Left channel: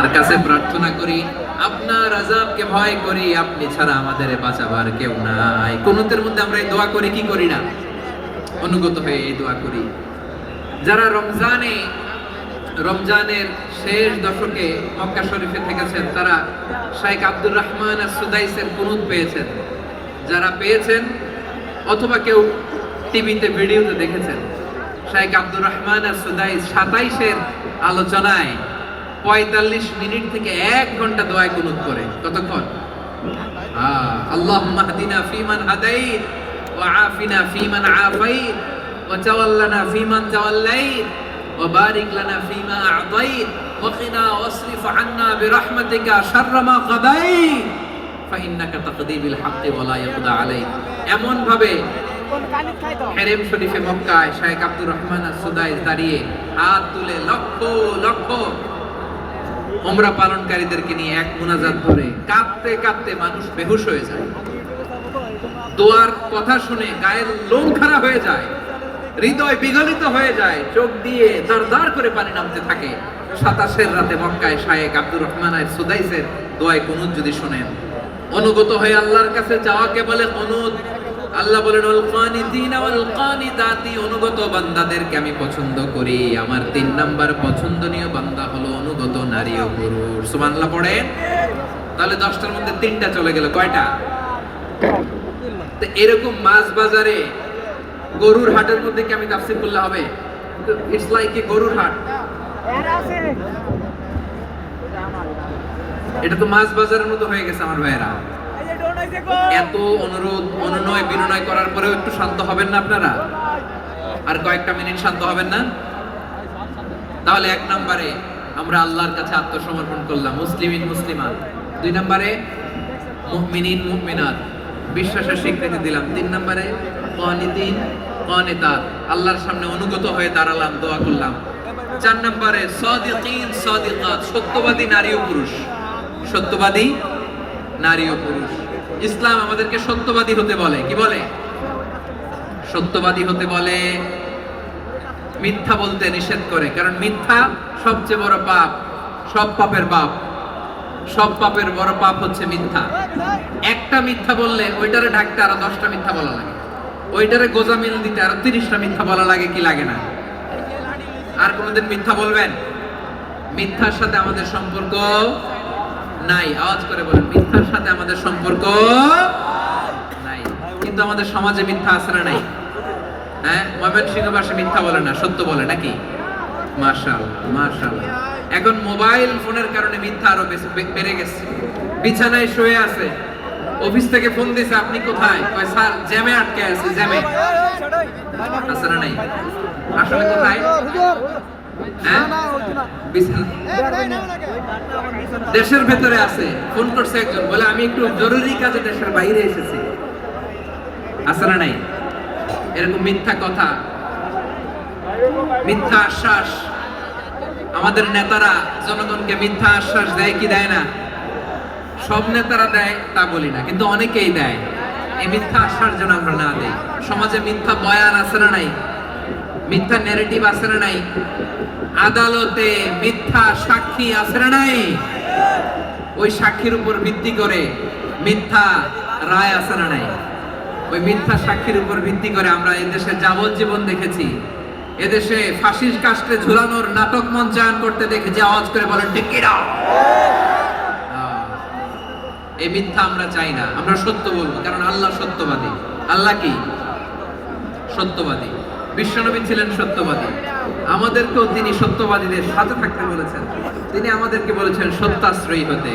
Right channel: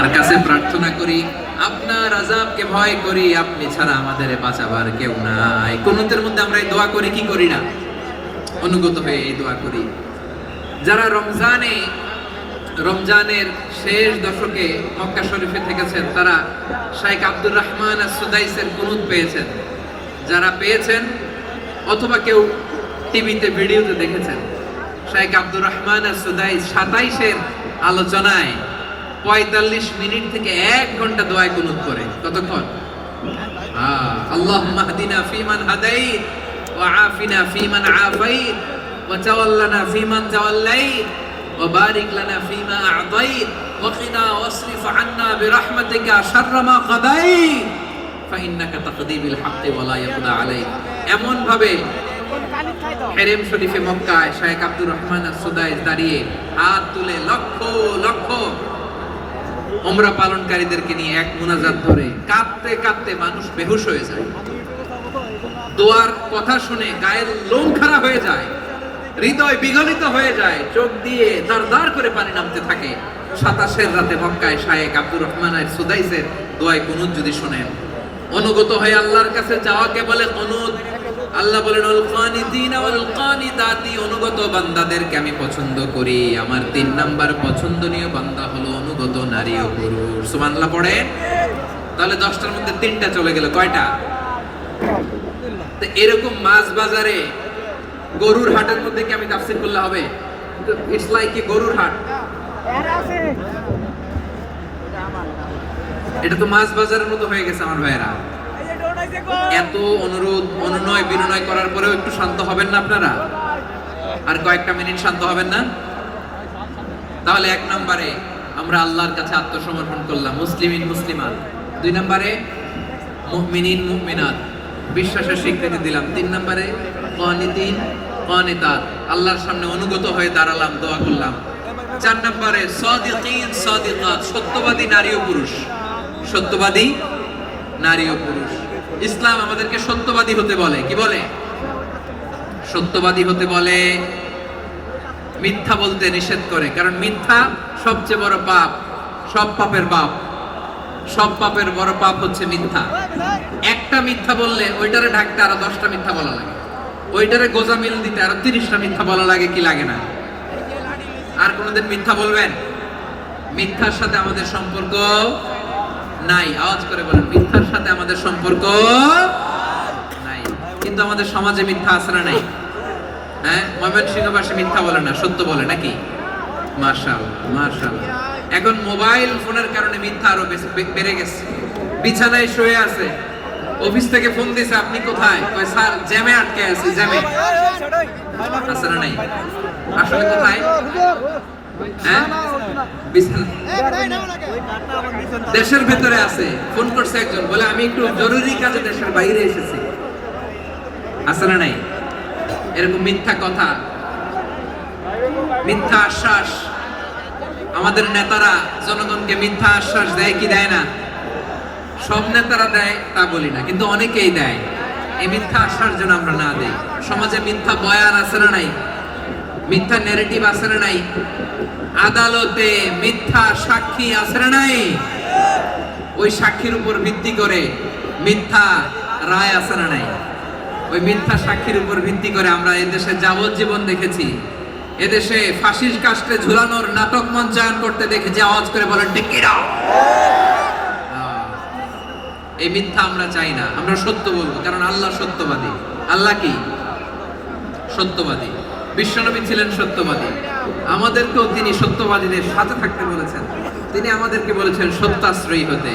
তার কাছে প্রার্থনা করি, আপনার আজাবকে ভয় করি, আপনি ছাড়া আমাদের বাঁচাবার কেউ নাই। কোনতের মধ্যে আমরা এই দোয়া করে, কি করি না? অনুগত হয়ে এই দোয়া করি। যারা রমজানে, রমজানের শেষ দশকে মক্কা শরীফে থেকেছেন, তারা শাইখ আব্দুর রহমান আর সুদাইসের কুনুত পেয়েছেন। যারা পেয়েছেন, অথবা কেউ টিভিতে, ভিডিওতে দেখেছেন, শাইখ আব্দুর রহমান আর সুদাইস সাতাইশের আলোচনায় পঁয়তাল্লিশ মিনিট থেকে এক ঘন্টা দোয়ায় কুনুত করে কতক্ষণ আল্লাহ মাহদিনা ফিমান হাদাইত وعافنا فيمن عافيت وتولنا فيمن توليت وبارك لنا فيما أعطيت وقنا واصرف عنا برحمتك شر ما قضيت فإنك تقضي بالحق ولا يقضى عليك এমন ভাবে হেরেম শরীফে মক্কায় শায়েখ আব্দুর রহমান আর সুদাইস দাঁড়িয়ে হাত তুলে লক্ষ লক্ষ ওমরা পালনকারীদেরকে নিয়ে এক মোনাজাত ধরে কাঁদতে কাঁদতে মানুষ বেহুশ হয়ে যায়। দোয়ার কথা শুনে গায়ের লোম খারাপ হয়ে যায়, হৃদয় বিগলিত হয়ে যায়, চোখ দিয়ে দরদর করে পানি নামতে থাকে। সাতাশের রাতে মক্কায় শায়েক আব্দুর রহমানের সুদাইসের দোয়ায় কুনুত যদি শোনেন, অনুগত হয়ে আল্লাহর কাছে যাওয়াকে বলে অনুদ আল্লাহ বলেন অনুগত বান্দাদেরকে আমি পছন্দ করি। আমার তিন নাম্বার পছন্দনীয় বান্দা হলো অনুগত নারী ও পুরুষ। সুবহানাল্লাহ, পড়ে? তাহলে দশটার মধ্যে তিনটা চলে গেল, কয়টা? এরকম মাছ বাজারে গরুর হাটের মধ্যে কি আমি তাফসির করলে হবে? ইটস লাইক কি গরুর হাট। এটা তো মাছ বাজারের মতো হয়ে গেছে আমার ভাইয়েরা। এত অনুরোধ, অনুনয়, বিনয় করার পরেও একটু শান্ত হবেন না আপনারা? আর কয়েকটা মিনিট শান্ত হবেন না? তাহলে এক নম্বরে আমরা আল্লাহর কাছে আত্মসমর্পণ করলাম, মুসলিমিন, মুসলিমাত। দুই নম্বরে, মুমিনিন, মুমিনাত। বিশ্বাসের স্বীকৃতি দিলাম। তিন নম্বরে, কানিতিন, কানিতাত। আল্লাহর সামনে অনুগত হয়ে দাঁড়ালাম, দোয়া করলাম। চার নম্বরে, সাদিকিন, সাদিকাত, সত্যবাদী নারী ও পুরুষ। সত্যবাদী নারী ও পুরুষ। ইসলাম আমাদেরকে সত্যবাদী হতে বলে। কি বলে? সত্যবাদী হতে বলে, মিথ্যা বলতে নিষেধ করে। কারণ মিথ্যা সবচেয়ে বড় পাপ, সব পাপের পাপ। সব পাপের বড় পাপ হচ্ছে মিথ্যা। একটা মিথ্যা বললে ওইটারে ঢাকতে আরও দশটা মিথ্যা বলা লাগে। ওইটারে গোজা মিল দিতে আরও তিরিশটা মিথ্যা বলা লাগে কি লাগে না? আর কোনদিন মিথ্যা বলবেন? মিথ্যার সাথে আমাদের সম্পর্ক নাই। আওয়াজ করে বলেন মিথ্যার সাথে আমাদের সম্পর্ক নাই। কিন্তু আমাদের সমাজে মিথ্যা আছে না নাই? হ্যাঁ? ময়মনসিংহবাসী মিথ্যা বলে না সত্য বলে নাকি? মার্শাল মার্শাল এখন মোবাইল ফোনের কারণে মিথ্যা আরও বেশি বেড়ে গেছে। বিছানায় শুয়ে আছে। অফিস থেকে ফোন দিয়েছে আপনি কোথায়? কয় স্যার জ্যামে আটকে আছি জ্যামে। আসলে কোথায়? দেশের ভেতরে আছে। ফোন করছে একজন, বলে, আমি একটু জরুরি কাজে দেশের বাইরে এসেছি। আছে না নাই? এরকম মিথ্যা কথা, মিথ্যা আশ্বাস। আমাদের নেতারা জনগণকে মিথ্যা আশ্বাস দেয় কি দেয় না? সব নেতারা দেয়, তা বলি না, কিন্তু অনেকেই দেয়। এই মিথ্যা আশ্বাস যেন আমরা না দেই। সমাজে মিথ্যা বয়ান আছে না নাই? মিথ্যা ন্যারেটিভ আছে না নাই? আদালতে মিথ্যা সাক্ষী আছে না নাই? ওই সাক্ষীর উপর ভিত্তি করে মিথ্যা রায় আছে না নাই? ওই মিথ্যা সাক্ষীর উপর ভিত্তি করে আমরা এদেশে যাবজ্জীবন দেখেছি। এদেশে ফাঁসির কাস্টে ঝুলানোর নাটক মঞ্চায়ন করতে দেখেছি। আওয়াজ করে বলেন টেকিরা এই মিথ্যা আমরা চাই না। আমরা সত্য বলব কারণ আল্লাহ সত্যবাদী। আল্লাহ কি? সত্যবাদী। বিশ্বনবী ছিলেন সত্যবাদী। আমাদেরকেও তিনি সত্যবাদীদের সাথে থাকতে বলেছেন। তিনি আমাদেরকে বলেছেন সত্যাশ্রয়ী হতে।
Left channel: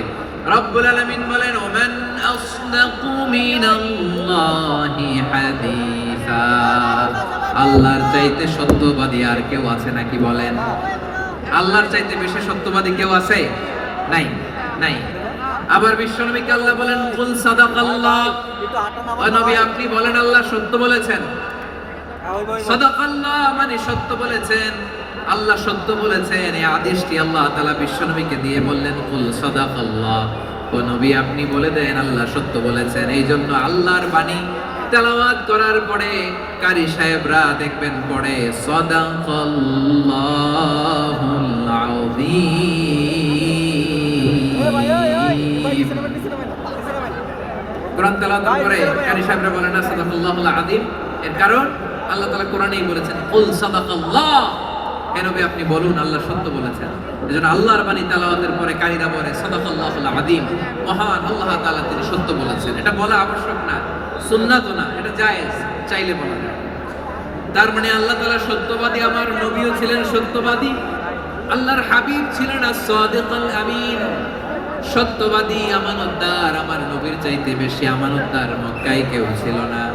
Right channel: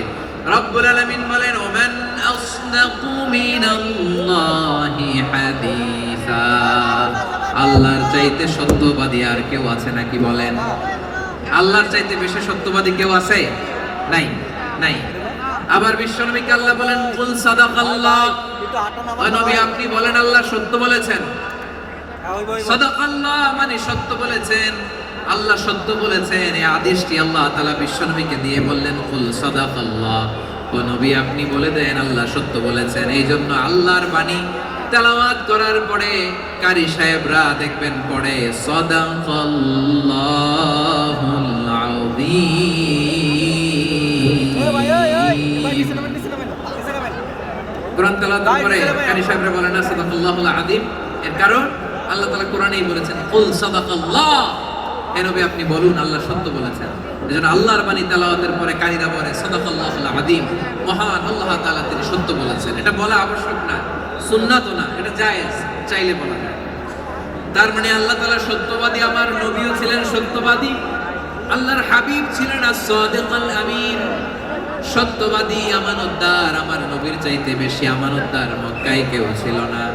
রব্বুল আলামিন বলেন ওমান আসদাকু মিনাল্লাহি হাদিসা। আল্লাহর চাইতে সত্যবাদী আর কেউ আছে নাকি বলেন? আল্লাহর চাইতে বেশি সত্যবাদী কেউ আছে? নাই নাই। আবার বিশ্বনবীকে আল্লাহ বলেন কুল সাদাকাল্লাহ। নবী আপনি বলেন আল্লাহ সত্য বলেছেন। সদাকাল্লাহ মানে সত্য বলেছেন আল্লাহ সত্য বলেছেন এই আদেশটি আল্লাহ তালা বিশ্বনবীকে দিয়ে বললেন কুল সদাকাল্লাহ। ও নবী আপনি বলে দেন আল্লাহ সত্য বলেছেন। এই জন্য আল্লাহর বাণী তেলাওয়াত করার পরে কারি সাহেবরা দেখবেন পরে সদাকাল্লাহুল আযীম। এ ভাই ওই ওই কোরআন তেলাওয়াত করে কারি সাহেবরা বলেন সদাকাল্লাহুল আযীম। এর কারণ? আল্লাহ তাআলা কোরআনেই বলেছেন, কুল সাদাকাল্লাহ। আপনি বলুন, আল্লাহ সত্য বলেছেন। এজন্য আল্লাহর বাণী তেলাওয়াতের পরে আযীম। মহান আল্লাহ তাআলা তিনি সত্য বলেছেন। এটা বলা আবশ্যক না, সুন্নাতও না, এটা জায়েজ, চাইলে বলা তার মানে আল্লাহ তাআলা সত্যবাদী, আমার নবীও ছিলেন সত্যবাদী, আল্লাহর হাবিব ছিলেন as-সাদিকুল আমিন। সত্যবাদী, আমানতদার, আমার নবীর চাইতে বেশি আমানতদার মক্কায় কেউ ছিল না।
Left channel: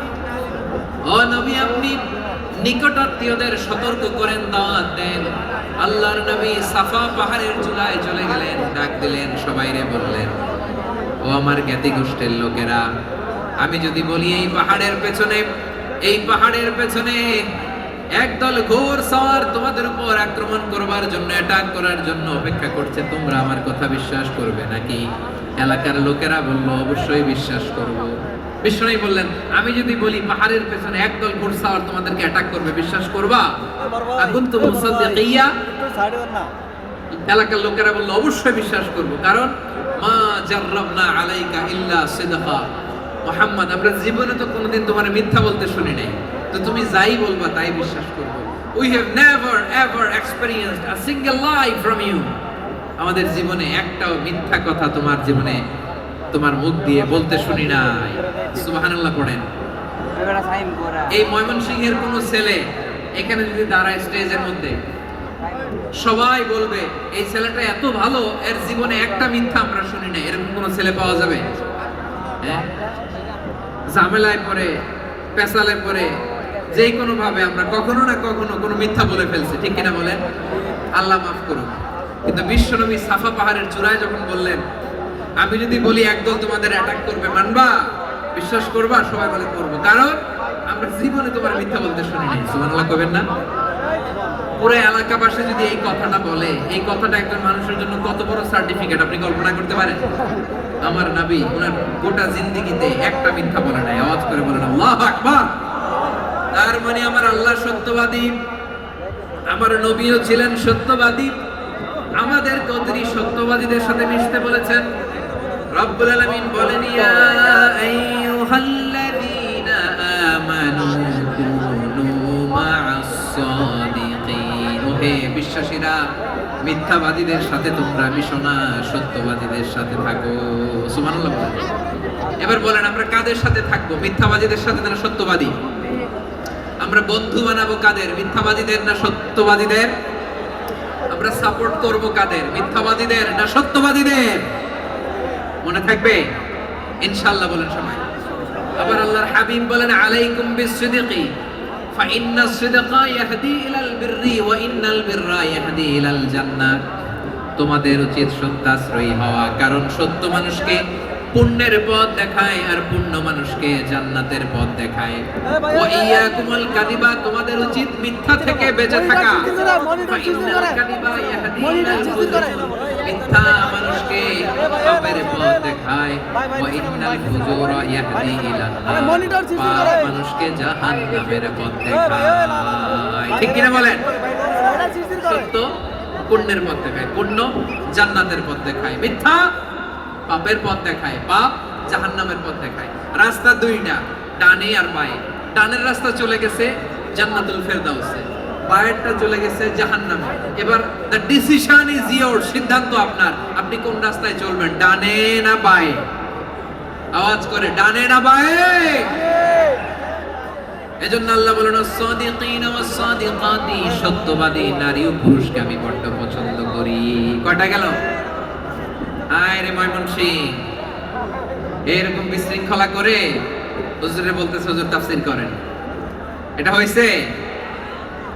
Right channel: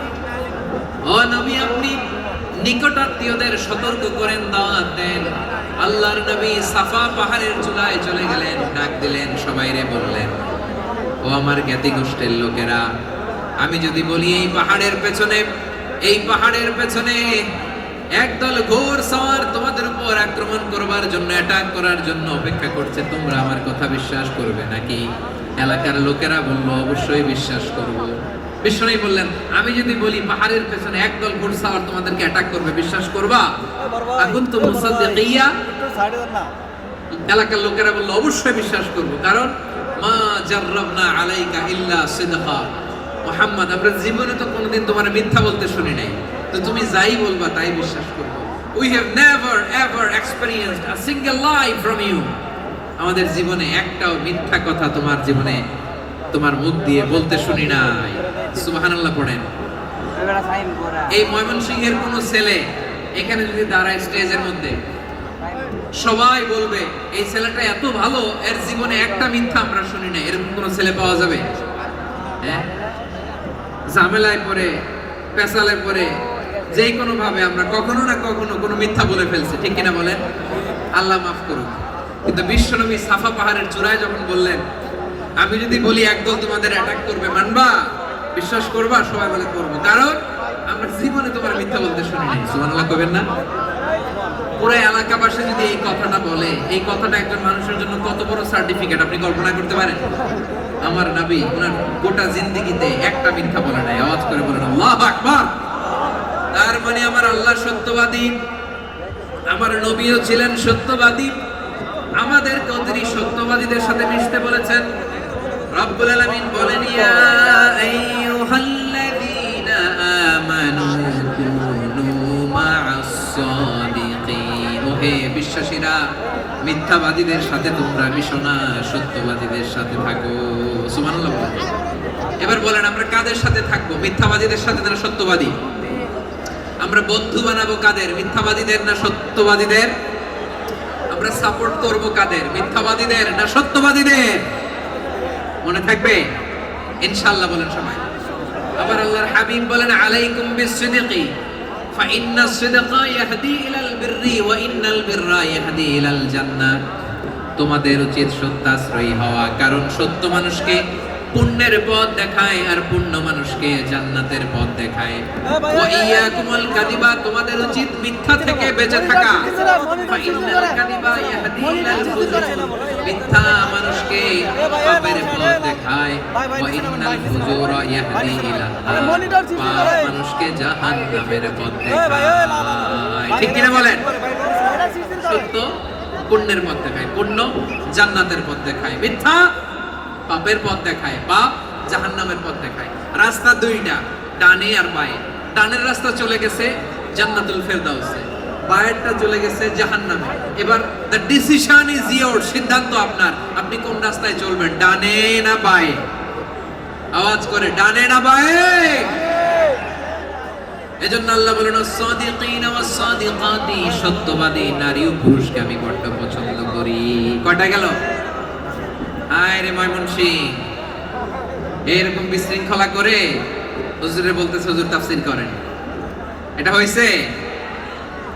ও নবী, আপনি নিকটাত্মীয়দের সতর্ক করেন, দাওয়াত দেন। আল্লাহর নবী সাফা পাহাড়ের চূড়ায় চলে গেলেন, ডাক দিলেন, সবাইরে বললেন, ও আমার জ্ঞাতি গোষ্ঠীর লোকেরা, আমি যদি বলি এই পাহাড়ের পেছনে, এই পাহাড়ের পেছনে একদল ঘোর সাওয়ার তোমাদের উপর আক্রমণ করবার জন্য অ্যাটাক করার জন্য অপেক্ষা করছে, তোমরা আমার কথা বিশ্বাস করবে নাকি? এলাকার লোকেরা বলল, অবশ্যই বিশ্বাস করব। বিশ্বনাই বললেন আমি যদি বলি পাহাড়ের পেছনে একদল ঘোর সাওয়ার তোমাদেরকে অ্যাটাক করবে বিশ্বাস করবা? এখন তো মুসাদ্দিকিয়া এলাকার লোকেরা বলল অবশ্যই বিশ্বাস করব কারণ মা জাররাবনা আলাইকা ইল্লা সিদকা। মোহাম্মদ আমরা জীবনে তো কোনোদিন তোমার মিথ্যা বলতে শুনি নাই। তো তুমি যাই বলবা তাই বিশ্বাস করব। We have never ever experienced a single lie from you আমাদের জীবনে একটাও মিথ্যা কথা তোমার জীবনে তোমার মুখ দিয়ে বলতে শুনি নাই। সুবহানাল্লাহ পড়েন। এই ময়মনসিংহের কোন ছেলে এখানে যদি দাঁড়ায় স্টেজের মধ্যে, সবাই বলবে, এই ছেলেটা এত ভালো, এর জীবনে একটা মিথ্যা আমরা শুনি না এরকম কোন ছেলে পাওয়া যাবে? হ্যাঁ? ঝামেলায় পরে পেশালে পরে যে কোনো ভাবে আমরা কখনো না কখনো কোনো মিথ্যা বলে ফেলছি। ঠিক কিনা বলেন? আল্লাহ মাফ করুন কিন্তু বিশ্বনবী সাফা পাহাড়ের চূড়ায় যখন বললেন আমি যদি বলি একদল তোমাদের অ্যাটাক করবে, মানবা? বিশ্বাস করবা? সবাই বলে করব। কারণ আমরা জীবনে তোমার মিথ্যা বলতে শুনি নাই। সুবহানাল্লাহ করবেন না? পুরো এলাকাবাসী যদি এই কথাটা বলে, এই কথাটা একজন মানুষের জন্য কত বড় সার্টিফিকেট আপনি কল্পনা করতে পারেন? আমার নবী, ওনার গোটা জিন্দেগিতে একটা মিথ্যা বলে নাই। আওয়াজ করে বলেন, আল্লাহ আকবার! তার মানে আমার আল্লাহ সত্যবাদী, আমার নবীও ছিলেন সত্যবাদী। আমাদের তিনি সত্যবাদীদের সাথে মিশতে বলেছেন। রব্বুল আলামিন বলেন, ইয়া আইয়ুহাল্লাযীনা আমানু কুনু মা'আস সাদিকিন ওহে বিশ্বাসীরা, মিথ্যাবাদীদের সাথে তোমরা মিশো না, সত্যবাদীদের সাথে থাকো। সুবহানাল্লাহ এবার বলেন, আমরা কাদের সাথে থাকব? মিথ্যাবাদীদের সাথে যারা সত্যবাদী? আমরা বন্ধু বানাবো কাদের? মিথ্যাবাদীদের না সত্যবাদীদের? আমরা সাপোর্ট করব কাদের? মিথ্যাবাদীদের না সত্যবাদীদের? মনে থাকবে ইনশাআল্লাহ বলেন সবাই আবার আল্লাহর হাবিব বলেন আলাইকুম বিসিদকি فإن الصدق يهدي إلى البر وإن البر يهدي إلى الجنة তোমাদের উচিত সত্যাশ্রয়ী হওয়া কারণ সত্য মানুষকে পুণ্যের পথ দেখায় আর পুণ্য মানুষকে জান্নাতের পথ দেখায় ওয়াইয়াকুমুল কাযিবা তোমাদের উচিত মিথ্যা থেকে বেঁচে থাকা ফাইন্নাল কাযিবা ইয়াহদি ইলাল ফুজুর। মিথ্যা মানুষকে পথ দেখায়। পাপ জাহান্নামের পথ দেখায় ঠিক কিনা বলেন? সত্য পুণ্যের পথ দেখায়। পুণ্য জান্নাতের পথ দেখায়। মিথ্যা পাপের পথ দেখায়। পাপ জাহান্নামের পথ দেখায়। রাস্তা দুইটা ডানে আর বায়ে। ডানের রাস্তা চলে গেছে জান্নাতুল ফেরদাউসে। বায়েরটা চলে গেছে জাহান্নামে। এবার দ্য ডিসিশন ইজ ইয়োর সিদ্ধান্ত আপনার। আপনি কোন রাস্তায় চলবেন? ডানে না বায়ে? আওয়াজ করে, ডানে না বায়ে? এজন্য আল্লাহ বলেন সাদিকিন ওয়াস সাদিকাতি সত্যবাদী নারী ও পুরুষকে আমি বড্ড পছন্দ করি। কয়টা গেল? আয় রে ময়মনসিং এরকম বিশৃঙ্খলা করে হুজুরে বলতে হুজুর, তাফসীর করেন। এটা হয়েছে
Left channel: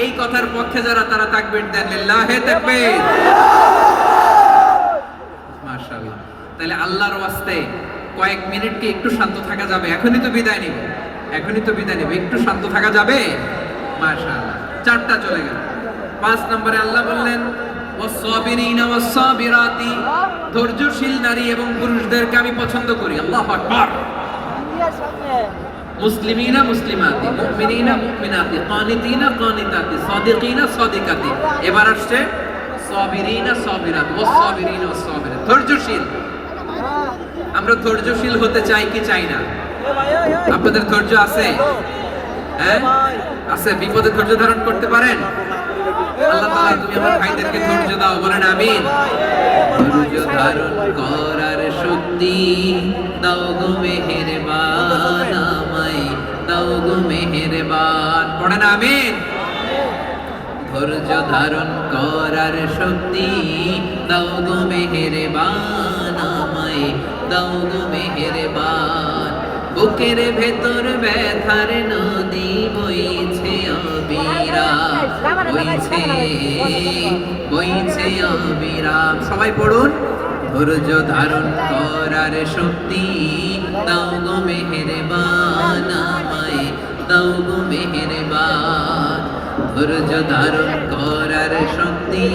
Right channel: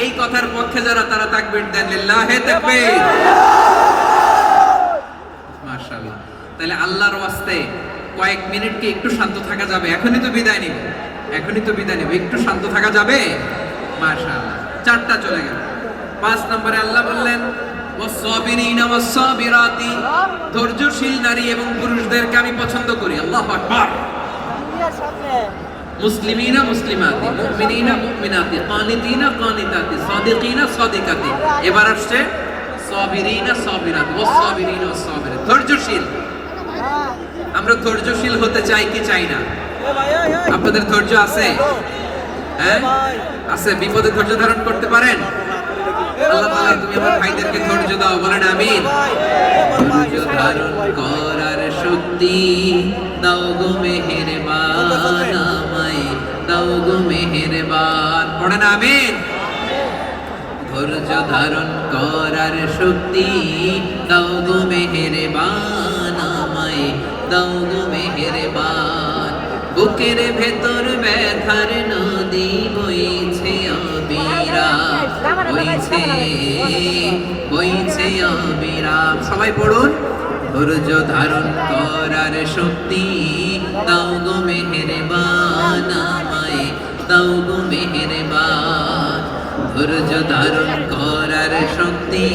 এই কথার পক্ষে যারা তারা তাকবীর দেন মাশাআল্লাহ। তাহলে আল্লাহর ওয়াস্তে কয়েক মিনিট কি একটু শান্ত থাকা যাবে? এখনই তো বিদায় নিব। এখনই তো বিদায় নিব। একটু শান্ত থাকা যাবে? মাশাআল্লাহ। চারটা চলে গেল। পাঁচ নম্বরে আল্লাহ বললেন ধৈর্যশীল নারী এবং পুরুষদেরকে আমি পছন্দ করি। আল্লাহু আকবার। মুসলিমিনা মুসলিমাতি, মুমিনিনা মুমিনাতি, কানিতিনা কানিতাতি, সাদিকিনা সাদিকাতি। এবার আসছে সাবিরিনা সাবিরাত ওয়াসসাবিরিনা ওয়াসসাবিরাত ধৈর্যশীল। আমরা ধৈর্যশীল হতে চাই কি চাই না? আপনাদের ধৈর্য আছে? হ্যাঁ? আছে। বিপদে ধৈর্য ধারণ করতে পারেন? ভাইদেরকে ধৈর্য দাও, বলেন আমিন। ধৈর্য ধারণ করার শক্তি দাও গো মেহেরবান। আমায় ধারণ করার শক্তি দাও গো মেহেরবান আমায়, দাও গো মেহেরবান। বুকের ভেতর ব্যথার নদী বইছে অবিরা বইছে বইছে অবিরা সবাই পড়ুন। ধৈর্য ধারণ করার শক্তি দাও গো মেহেরবান। দাও গো মেহেরবান। ধৈর্য ধারণ করার শক্তি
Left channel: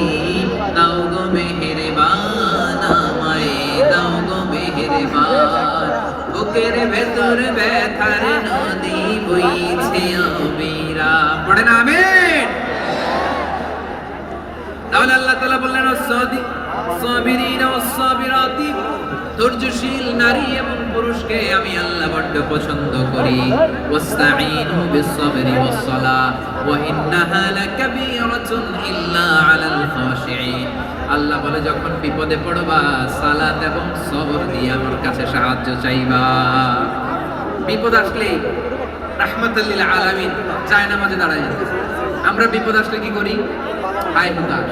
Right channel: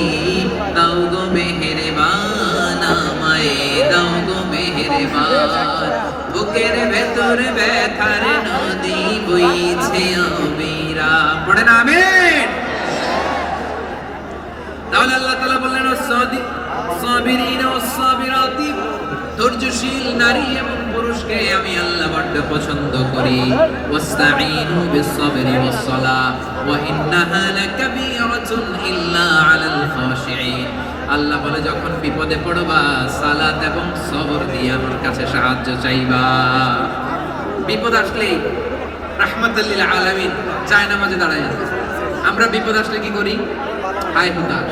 দাও গো মেহেরবান, আমায় দাও গো মেহেরবান। বুকের ভেতর ব্যথার নদী বইছে অবিরা। পড়েন আমিন। তাহলে আল্লাহ তাআলা বললেন সৌদি এবং পুরুষকে আল্লাহ বলে, যখন বিপদে পড়বা, সালাত এবং সবর দিয়ে আমার কাছে সাহায্য চাইবা। বিপদ আসলে রাহমাতাল্লিল আলামিন চায় নামাজে দাঁড়ায় আমরা বিপদ আসলে কি করি? হাই হুতাশ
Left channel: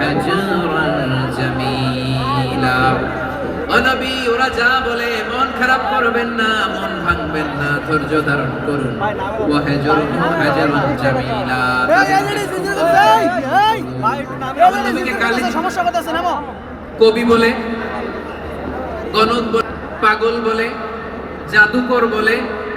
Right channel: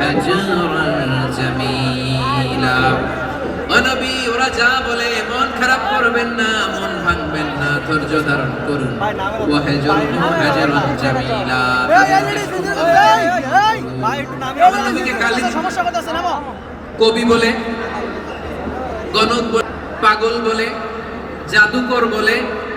হাজুরুহু হাজরান জামিলা ও নবী, ওরা যা বলে, মন খারাপ করবেন না, মন ভাঙবেন না ধৈর্য ধারণ করুন কবি বলে গণক পাগল বলে, জাদুকর বলে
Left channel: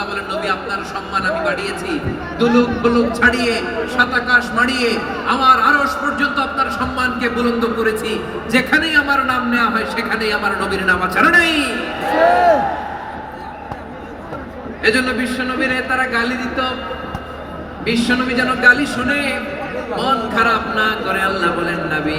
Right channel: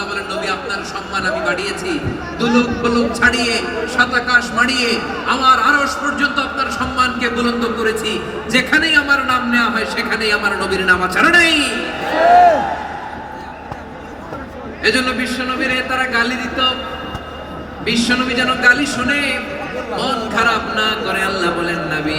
আল্লাহ বলেন, নবী, আপনার সম্মান আমি বাড়িয়েছি। দুলুক বুলুক ছাড়িয়ে সাত আকাশ মাড়িয়ে, আমার আরশ পর্যন্ত আপনার সম্মানকে বুলন্দ করেছি। যেখানেই আমার নাম নেওয়া হয়, সেখানেই আমার নবীর নাম ছাড়া নেই। এজন্য বিশ্ব নবীরে তারা গালি দিত। বিশ্ব নবী যেন গালি শুনে, মন খারাপ না করে আল্লাহ বলেন, নবী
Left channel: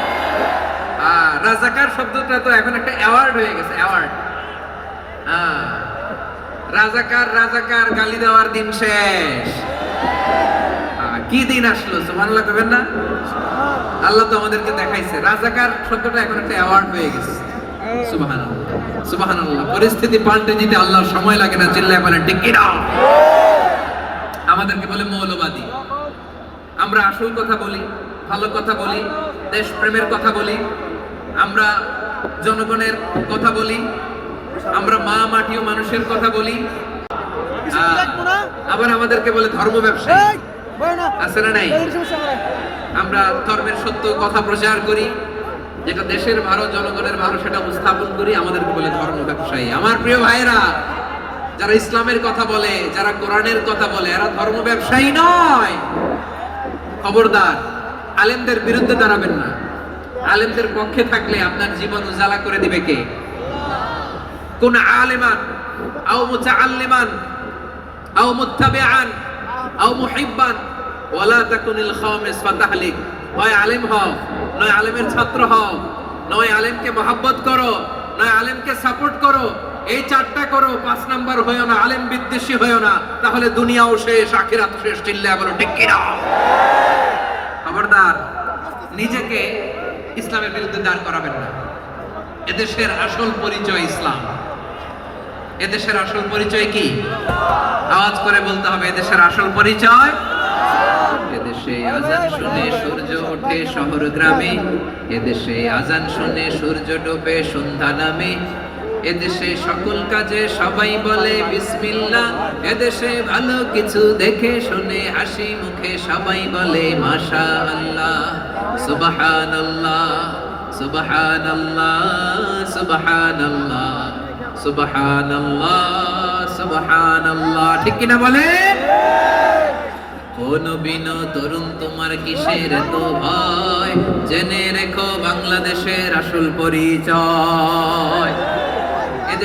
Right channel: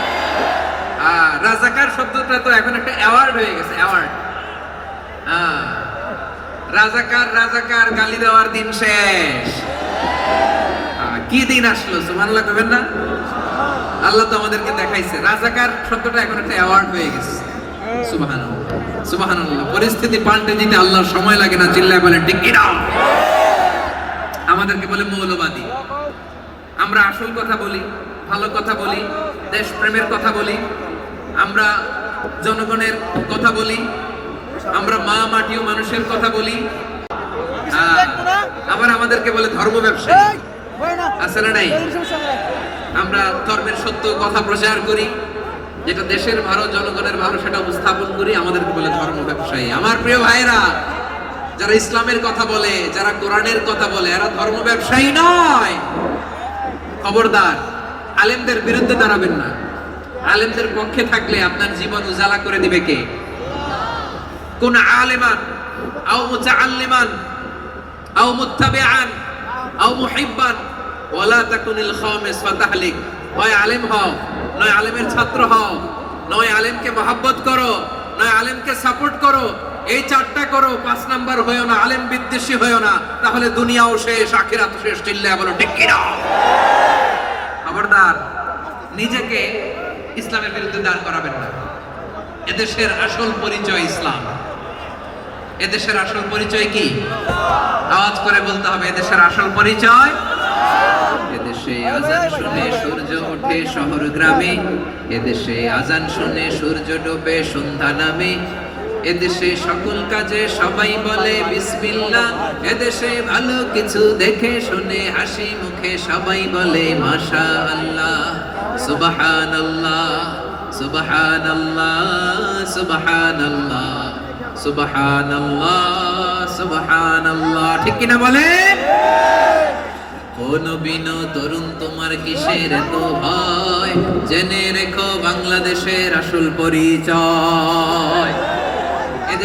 রাজাকার শব্দটা তো এখন একটা অ্যাওয়ার্ড হয়ে গেছে অ্যাওয়ার্ড রাজাকার রাজাকার, গালি দেওয়ার দিন শেষ। কি দিন আসলো, সুবহানাল্লাহ কবেন না? আল্লাহ তো আমাদেরকে দেখাইছে। রাজাকার শব্দটা এখন একটা অ্যাওয়ার্ড হয়ে গেছে। সুবহানাল্লাহ। সুবহানাল্লাহ। পরিস্থিতি পাল্টে দিতে আল্লাহর সময় লাগে না, চিল্লায় বলেন ঠিক কি আমাদেরকে বলে মৌলবাদী। আমরা আসল কথা বলি, ভালো কথা বলি, দেশপ্রেমের কথা বলি আমরা জনগণের কথা বলি আমরা মা মাটিও মানুষের কথা বলি আবার আমাদেরকে বলে ধর্ম ব্যবসায়ী। আছে না নাই? আমরা ধর্মের সত্য কথা প্রচার করি যেটা দেশের ভালো জনগণের ভালো সেটা উপস্থাপন করি আমাদেরকে বলে ধর্ম ব্যবসায়ী। আমার প্রিয় ভাইরা যারা ইসলামের কথা বলে যারা কোরআনের কথা বলে এরা ধর্ম ব্যবসায়ী নয়। খবরদার আলেমদের বিরুদ্ধে দাঁড়াবেন না। আলেমদের পক্ষে থাকলে আপনার জীবন উজালা করে দিবে কে? কোন আলেমান? আও মুতাআল্লিমান? আও মুত্তাবিআন? আও মুহিব্বান? ওয়ালা তাকুনিল খামিস ফাতাহলিক। হয় আলেম হও, নয় আলেমের ছাত্র হও, নয় আলেমকে মহব্বত করো, নয় আলেমকে সাপোর্ট করো, এই চারটা করো, পাঁচ নাম্বার হয়েও না, আলেম বিদ্বেষী হয়েও না, তাহলে দুনিয়াও শেষ আখিরাত শেষ, চিল্লায় বলো, ঠিক কি না খবরদার, নিজেকে ইসলামের বিরুদ্ধে দাঁড় করাবেন না। এদেশের আসল পরিচয় ইসলাম। এদেশের আসল পরিচয় কি? আওয়াজ করে বলতে হবে, এদেশের আসল পরিচয়? এদেশে আজান শুনে সূর্য ওঠে শহর গ্রামে, এদেশে আজান শুনে সূর্য ডোবে সন্ধ্যা নামে এদেশে সকল কাজে সবাই বলে বিসমিল্লাহ। এদেশে ভালো কিছু দেখে শুনে হাসি মুখে সবাই বলে মাশা আল্লাহ সুবহানাল্লাহ সুবহানাল্লাহ সুবহানাল্লাহ সুবহানাল্লাহ সুবহানাল্লাহ। ঠিক কিনা বলে কোন বিন তরুণ তোমার কিসের তো ভয় জেনে রেখো বাংলাদেশের আসল পরিচয়।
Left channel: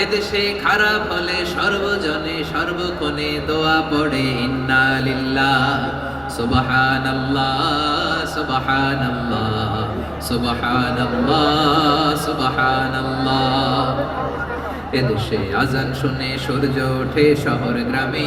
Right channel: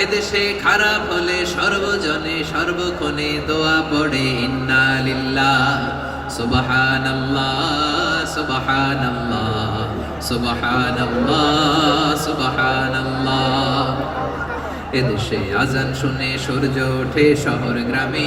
এদেশে খারাপ হলে সর্বজনে সর্বক্ষণে দোয়া পড়ে ইন্নালিল্লাহ সুবহানাল্লাহ সুবহানাল্লাহ সুবহানাল্লাহ সুবহানাল্লাহ। এদেশে আজান শুনে সূর্য ওঠে শহর গ্রামে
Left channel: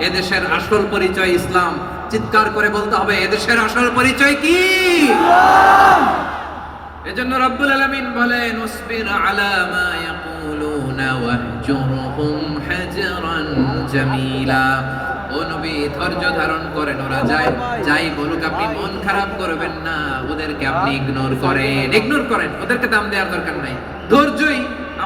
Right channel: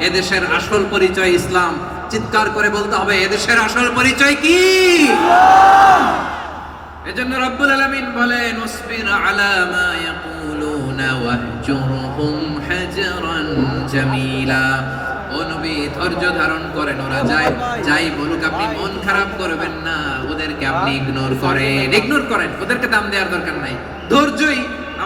এদেশের আসল পরিচয় ইসলাম। চিৎকার করে বলতে হবে, এদেশের আসল পরিচয় কি? এজন্য রব্বুল বলেন করেন যাই যাই বলুক, আপনি মন খারাপ করবেন না। ওদেরকে আপনি ইগনোর করেন। ইগনোর করেন। ওদেরকে দাম দেওয়ার দরকার নাই। ধৈর্যই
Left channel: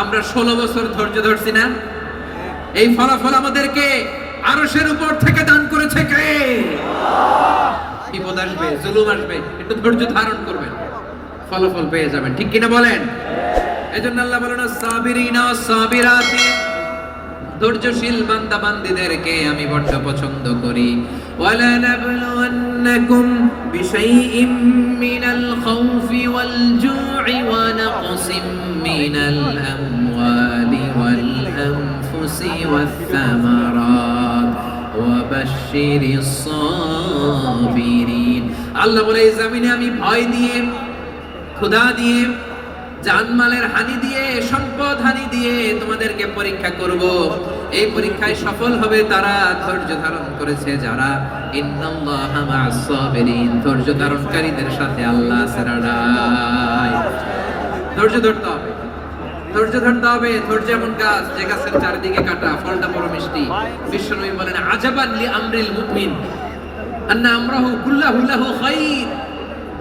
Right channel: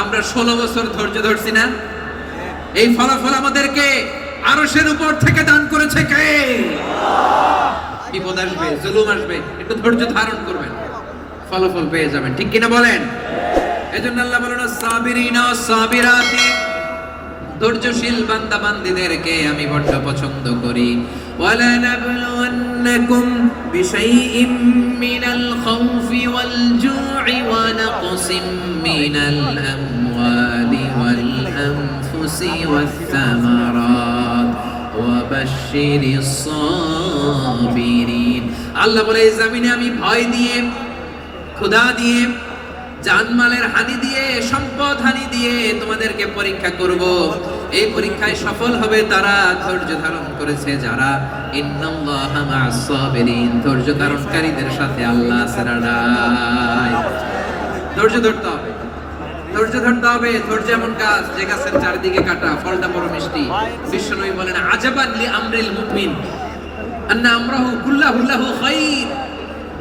আমরা ষোলো বছর ধৈর্য ধরছি না? এই ফলাফল আমাদেরকে আরশের উপর থেকে দান করেছে কে? বিপদ আসবে, জুলুম আসবে, একটু ধৈর্য ধারণ করবেন। ফলাফল পেয়ে যাবেন, ঠিক কিনা বলেন? এজন্য আল্লাহ বলেন, সাবিরিনা সাবিরাতি, ধৈর্যশীল বান্দা আমি বড্ড পছন্দ করি। ওয়ালা নাবলুওয়ান্নাকুম বিশাইইম মিনাল খাউফি ওয়াল জু'i ওয়া নাকসিম মিনাল আমওয়ালি ওয়াল আনফুসি ওয়াস সামারাত وبشر الصابرين আল্লাহ বলে এই জমিনে আমি ভয় দিয়ে ক্ষুধা দিয়ে জানমালের হানি দিয়ে সম্পদ হানি দিয়ে তোমাদেরকে পরীক্ষা করব এই পরীক্ষায় সফল হবে তারা ধৈর্য ধারণ করেছে যারা ইন্নাল্লাহা মা'আস সাবিরিন ধৈর্য ধারণকারীদের সাথে আল্লাহ আছে লড়াই ধৈর্য ধরতে হবে ধৈর্য ধরতে হবে ধৈর্য এমন গাছ যে গাছের চারদিকে কাটা ফলটা বড় মিষ্টি বিশ্বনবী বলেন আজাবান লি আমরিল মুমিন আন্না আমরাহু কুল্লাহু লাহু খাইর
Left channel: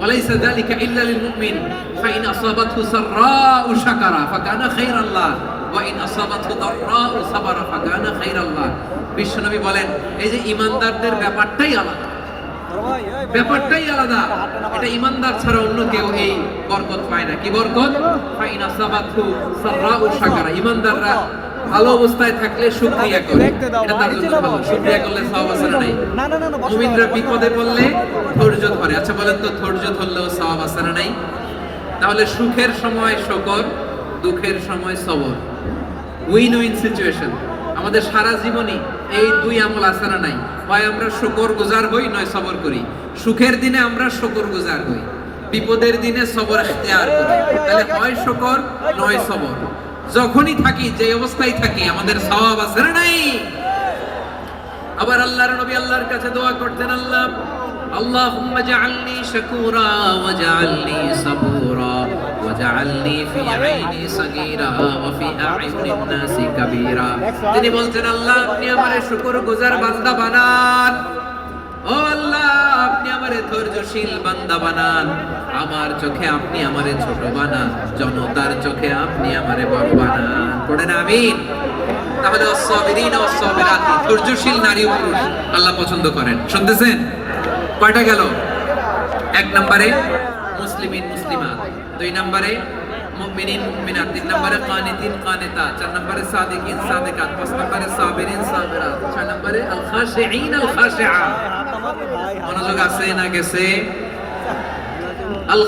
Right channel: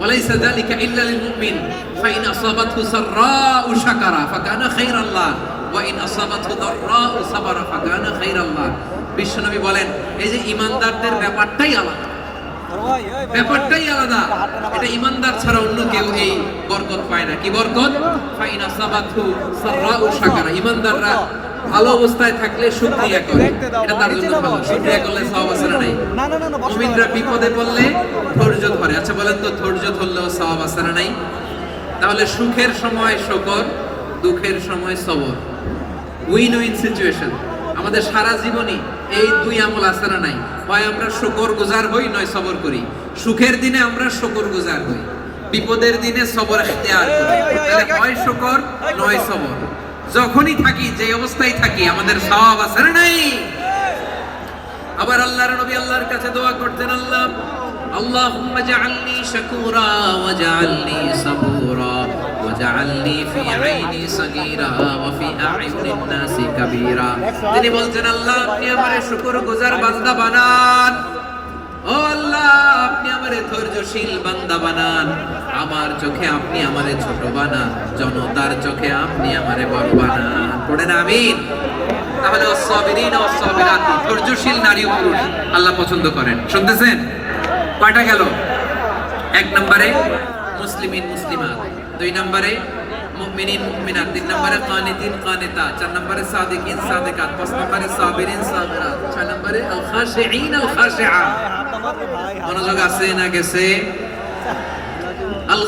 وليس ذلك إلا للمؤمن فإن أصابته سراء شكر فكان خير الله وإن أصابته ضراء صبر فكان خير الله বিশ্বনবী বলেন এই যে ইমানদারদের ব্যাপারটাই আলাদা তোর ভাই, ওই ভাই, ব্যাপারটাই আলাদা। এটা ইমানদার ছাড়া অন্য কেউ এই বরকত পায় না। কি বরকত? ফাইনা সাবাতু সাররাউ শাকারা ইমানদাররা ভালো অবস্থায় থাকলে শুকরিয়া করে। এটা তার জন্য ভালো শুকরিয়া করলে সওয়াব আছে না। না, না, না, না, মুমিনরা বিপদে পড়লে ধৈর্য ধরে। আচ্ছা বলেন তো ধৈর্য ধরলেও সওয়াব আছে না নাই? তাহলে সুখের সময় শকর দুঃখের সময় সবর উইন উইন সিচুয়েশন আমাদের সারা জীবনই এই দুই আমল আছে না নাই? হয় আমরা শকর গুজার হই নয় সবর করি। সুখের দিনে আমরা শকর গুজার হই। বিপদের দিনে সবর আসতে করি। হয় শকর নয় সবর। যখনই থাকি যে অবস্থায় থাকি আমাদের স্বভাব আছে না নাই? আবার আল্লাহর নবী আল্লাহর কাছে দোয়া করতেন আল্লাহ اللهم اجعلني شكورا واجعلني صبورا واجعلني في عيني صغيرا وفي أعين الناس كبيرا তিনি বলছেন আল্লাহ আপনি আমারে শুকর গুজার বান্দা বানান ও আল্লাহ আপনি আমারে ধৈর্যশীল বান্দা বানান আমার চোখে আপনি আমারে ছোট বানান জনতার চোখে আপনি আমারে বড় বানান পড়েন আমিন তাহলে সাবিরিন ও সাবিরাত ধৈর্যশীল নারী ও পুরুষ আল্লাহ পছন্দ করেন শুনতেছেন কয়টা গেল এক নম্বরে মুসলিমিন মুসলিমাত দুই নম্বরে চার নম্বরে। মনোযোগ আছে না গেছে? আল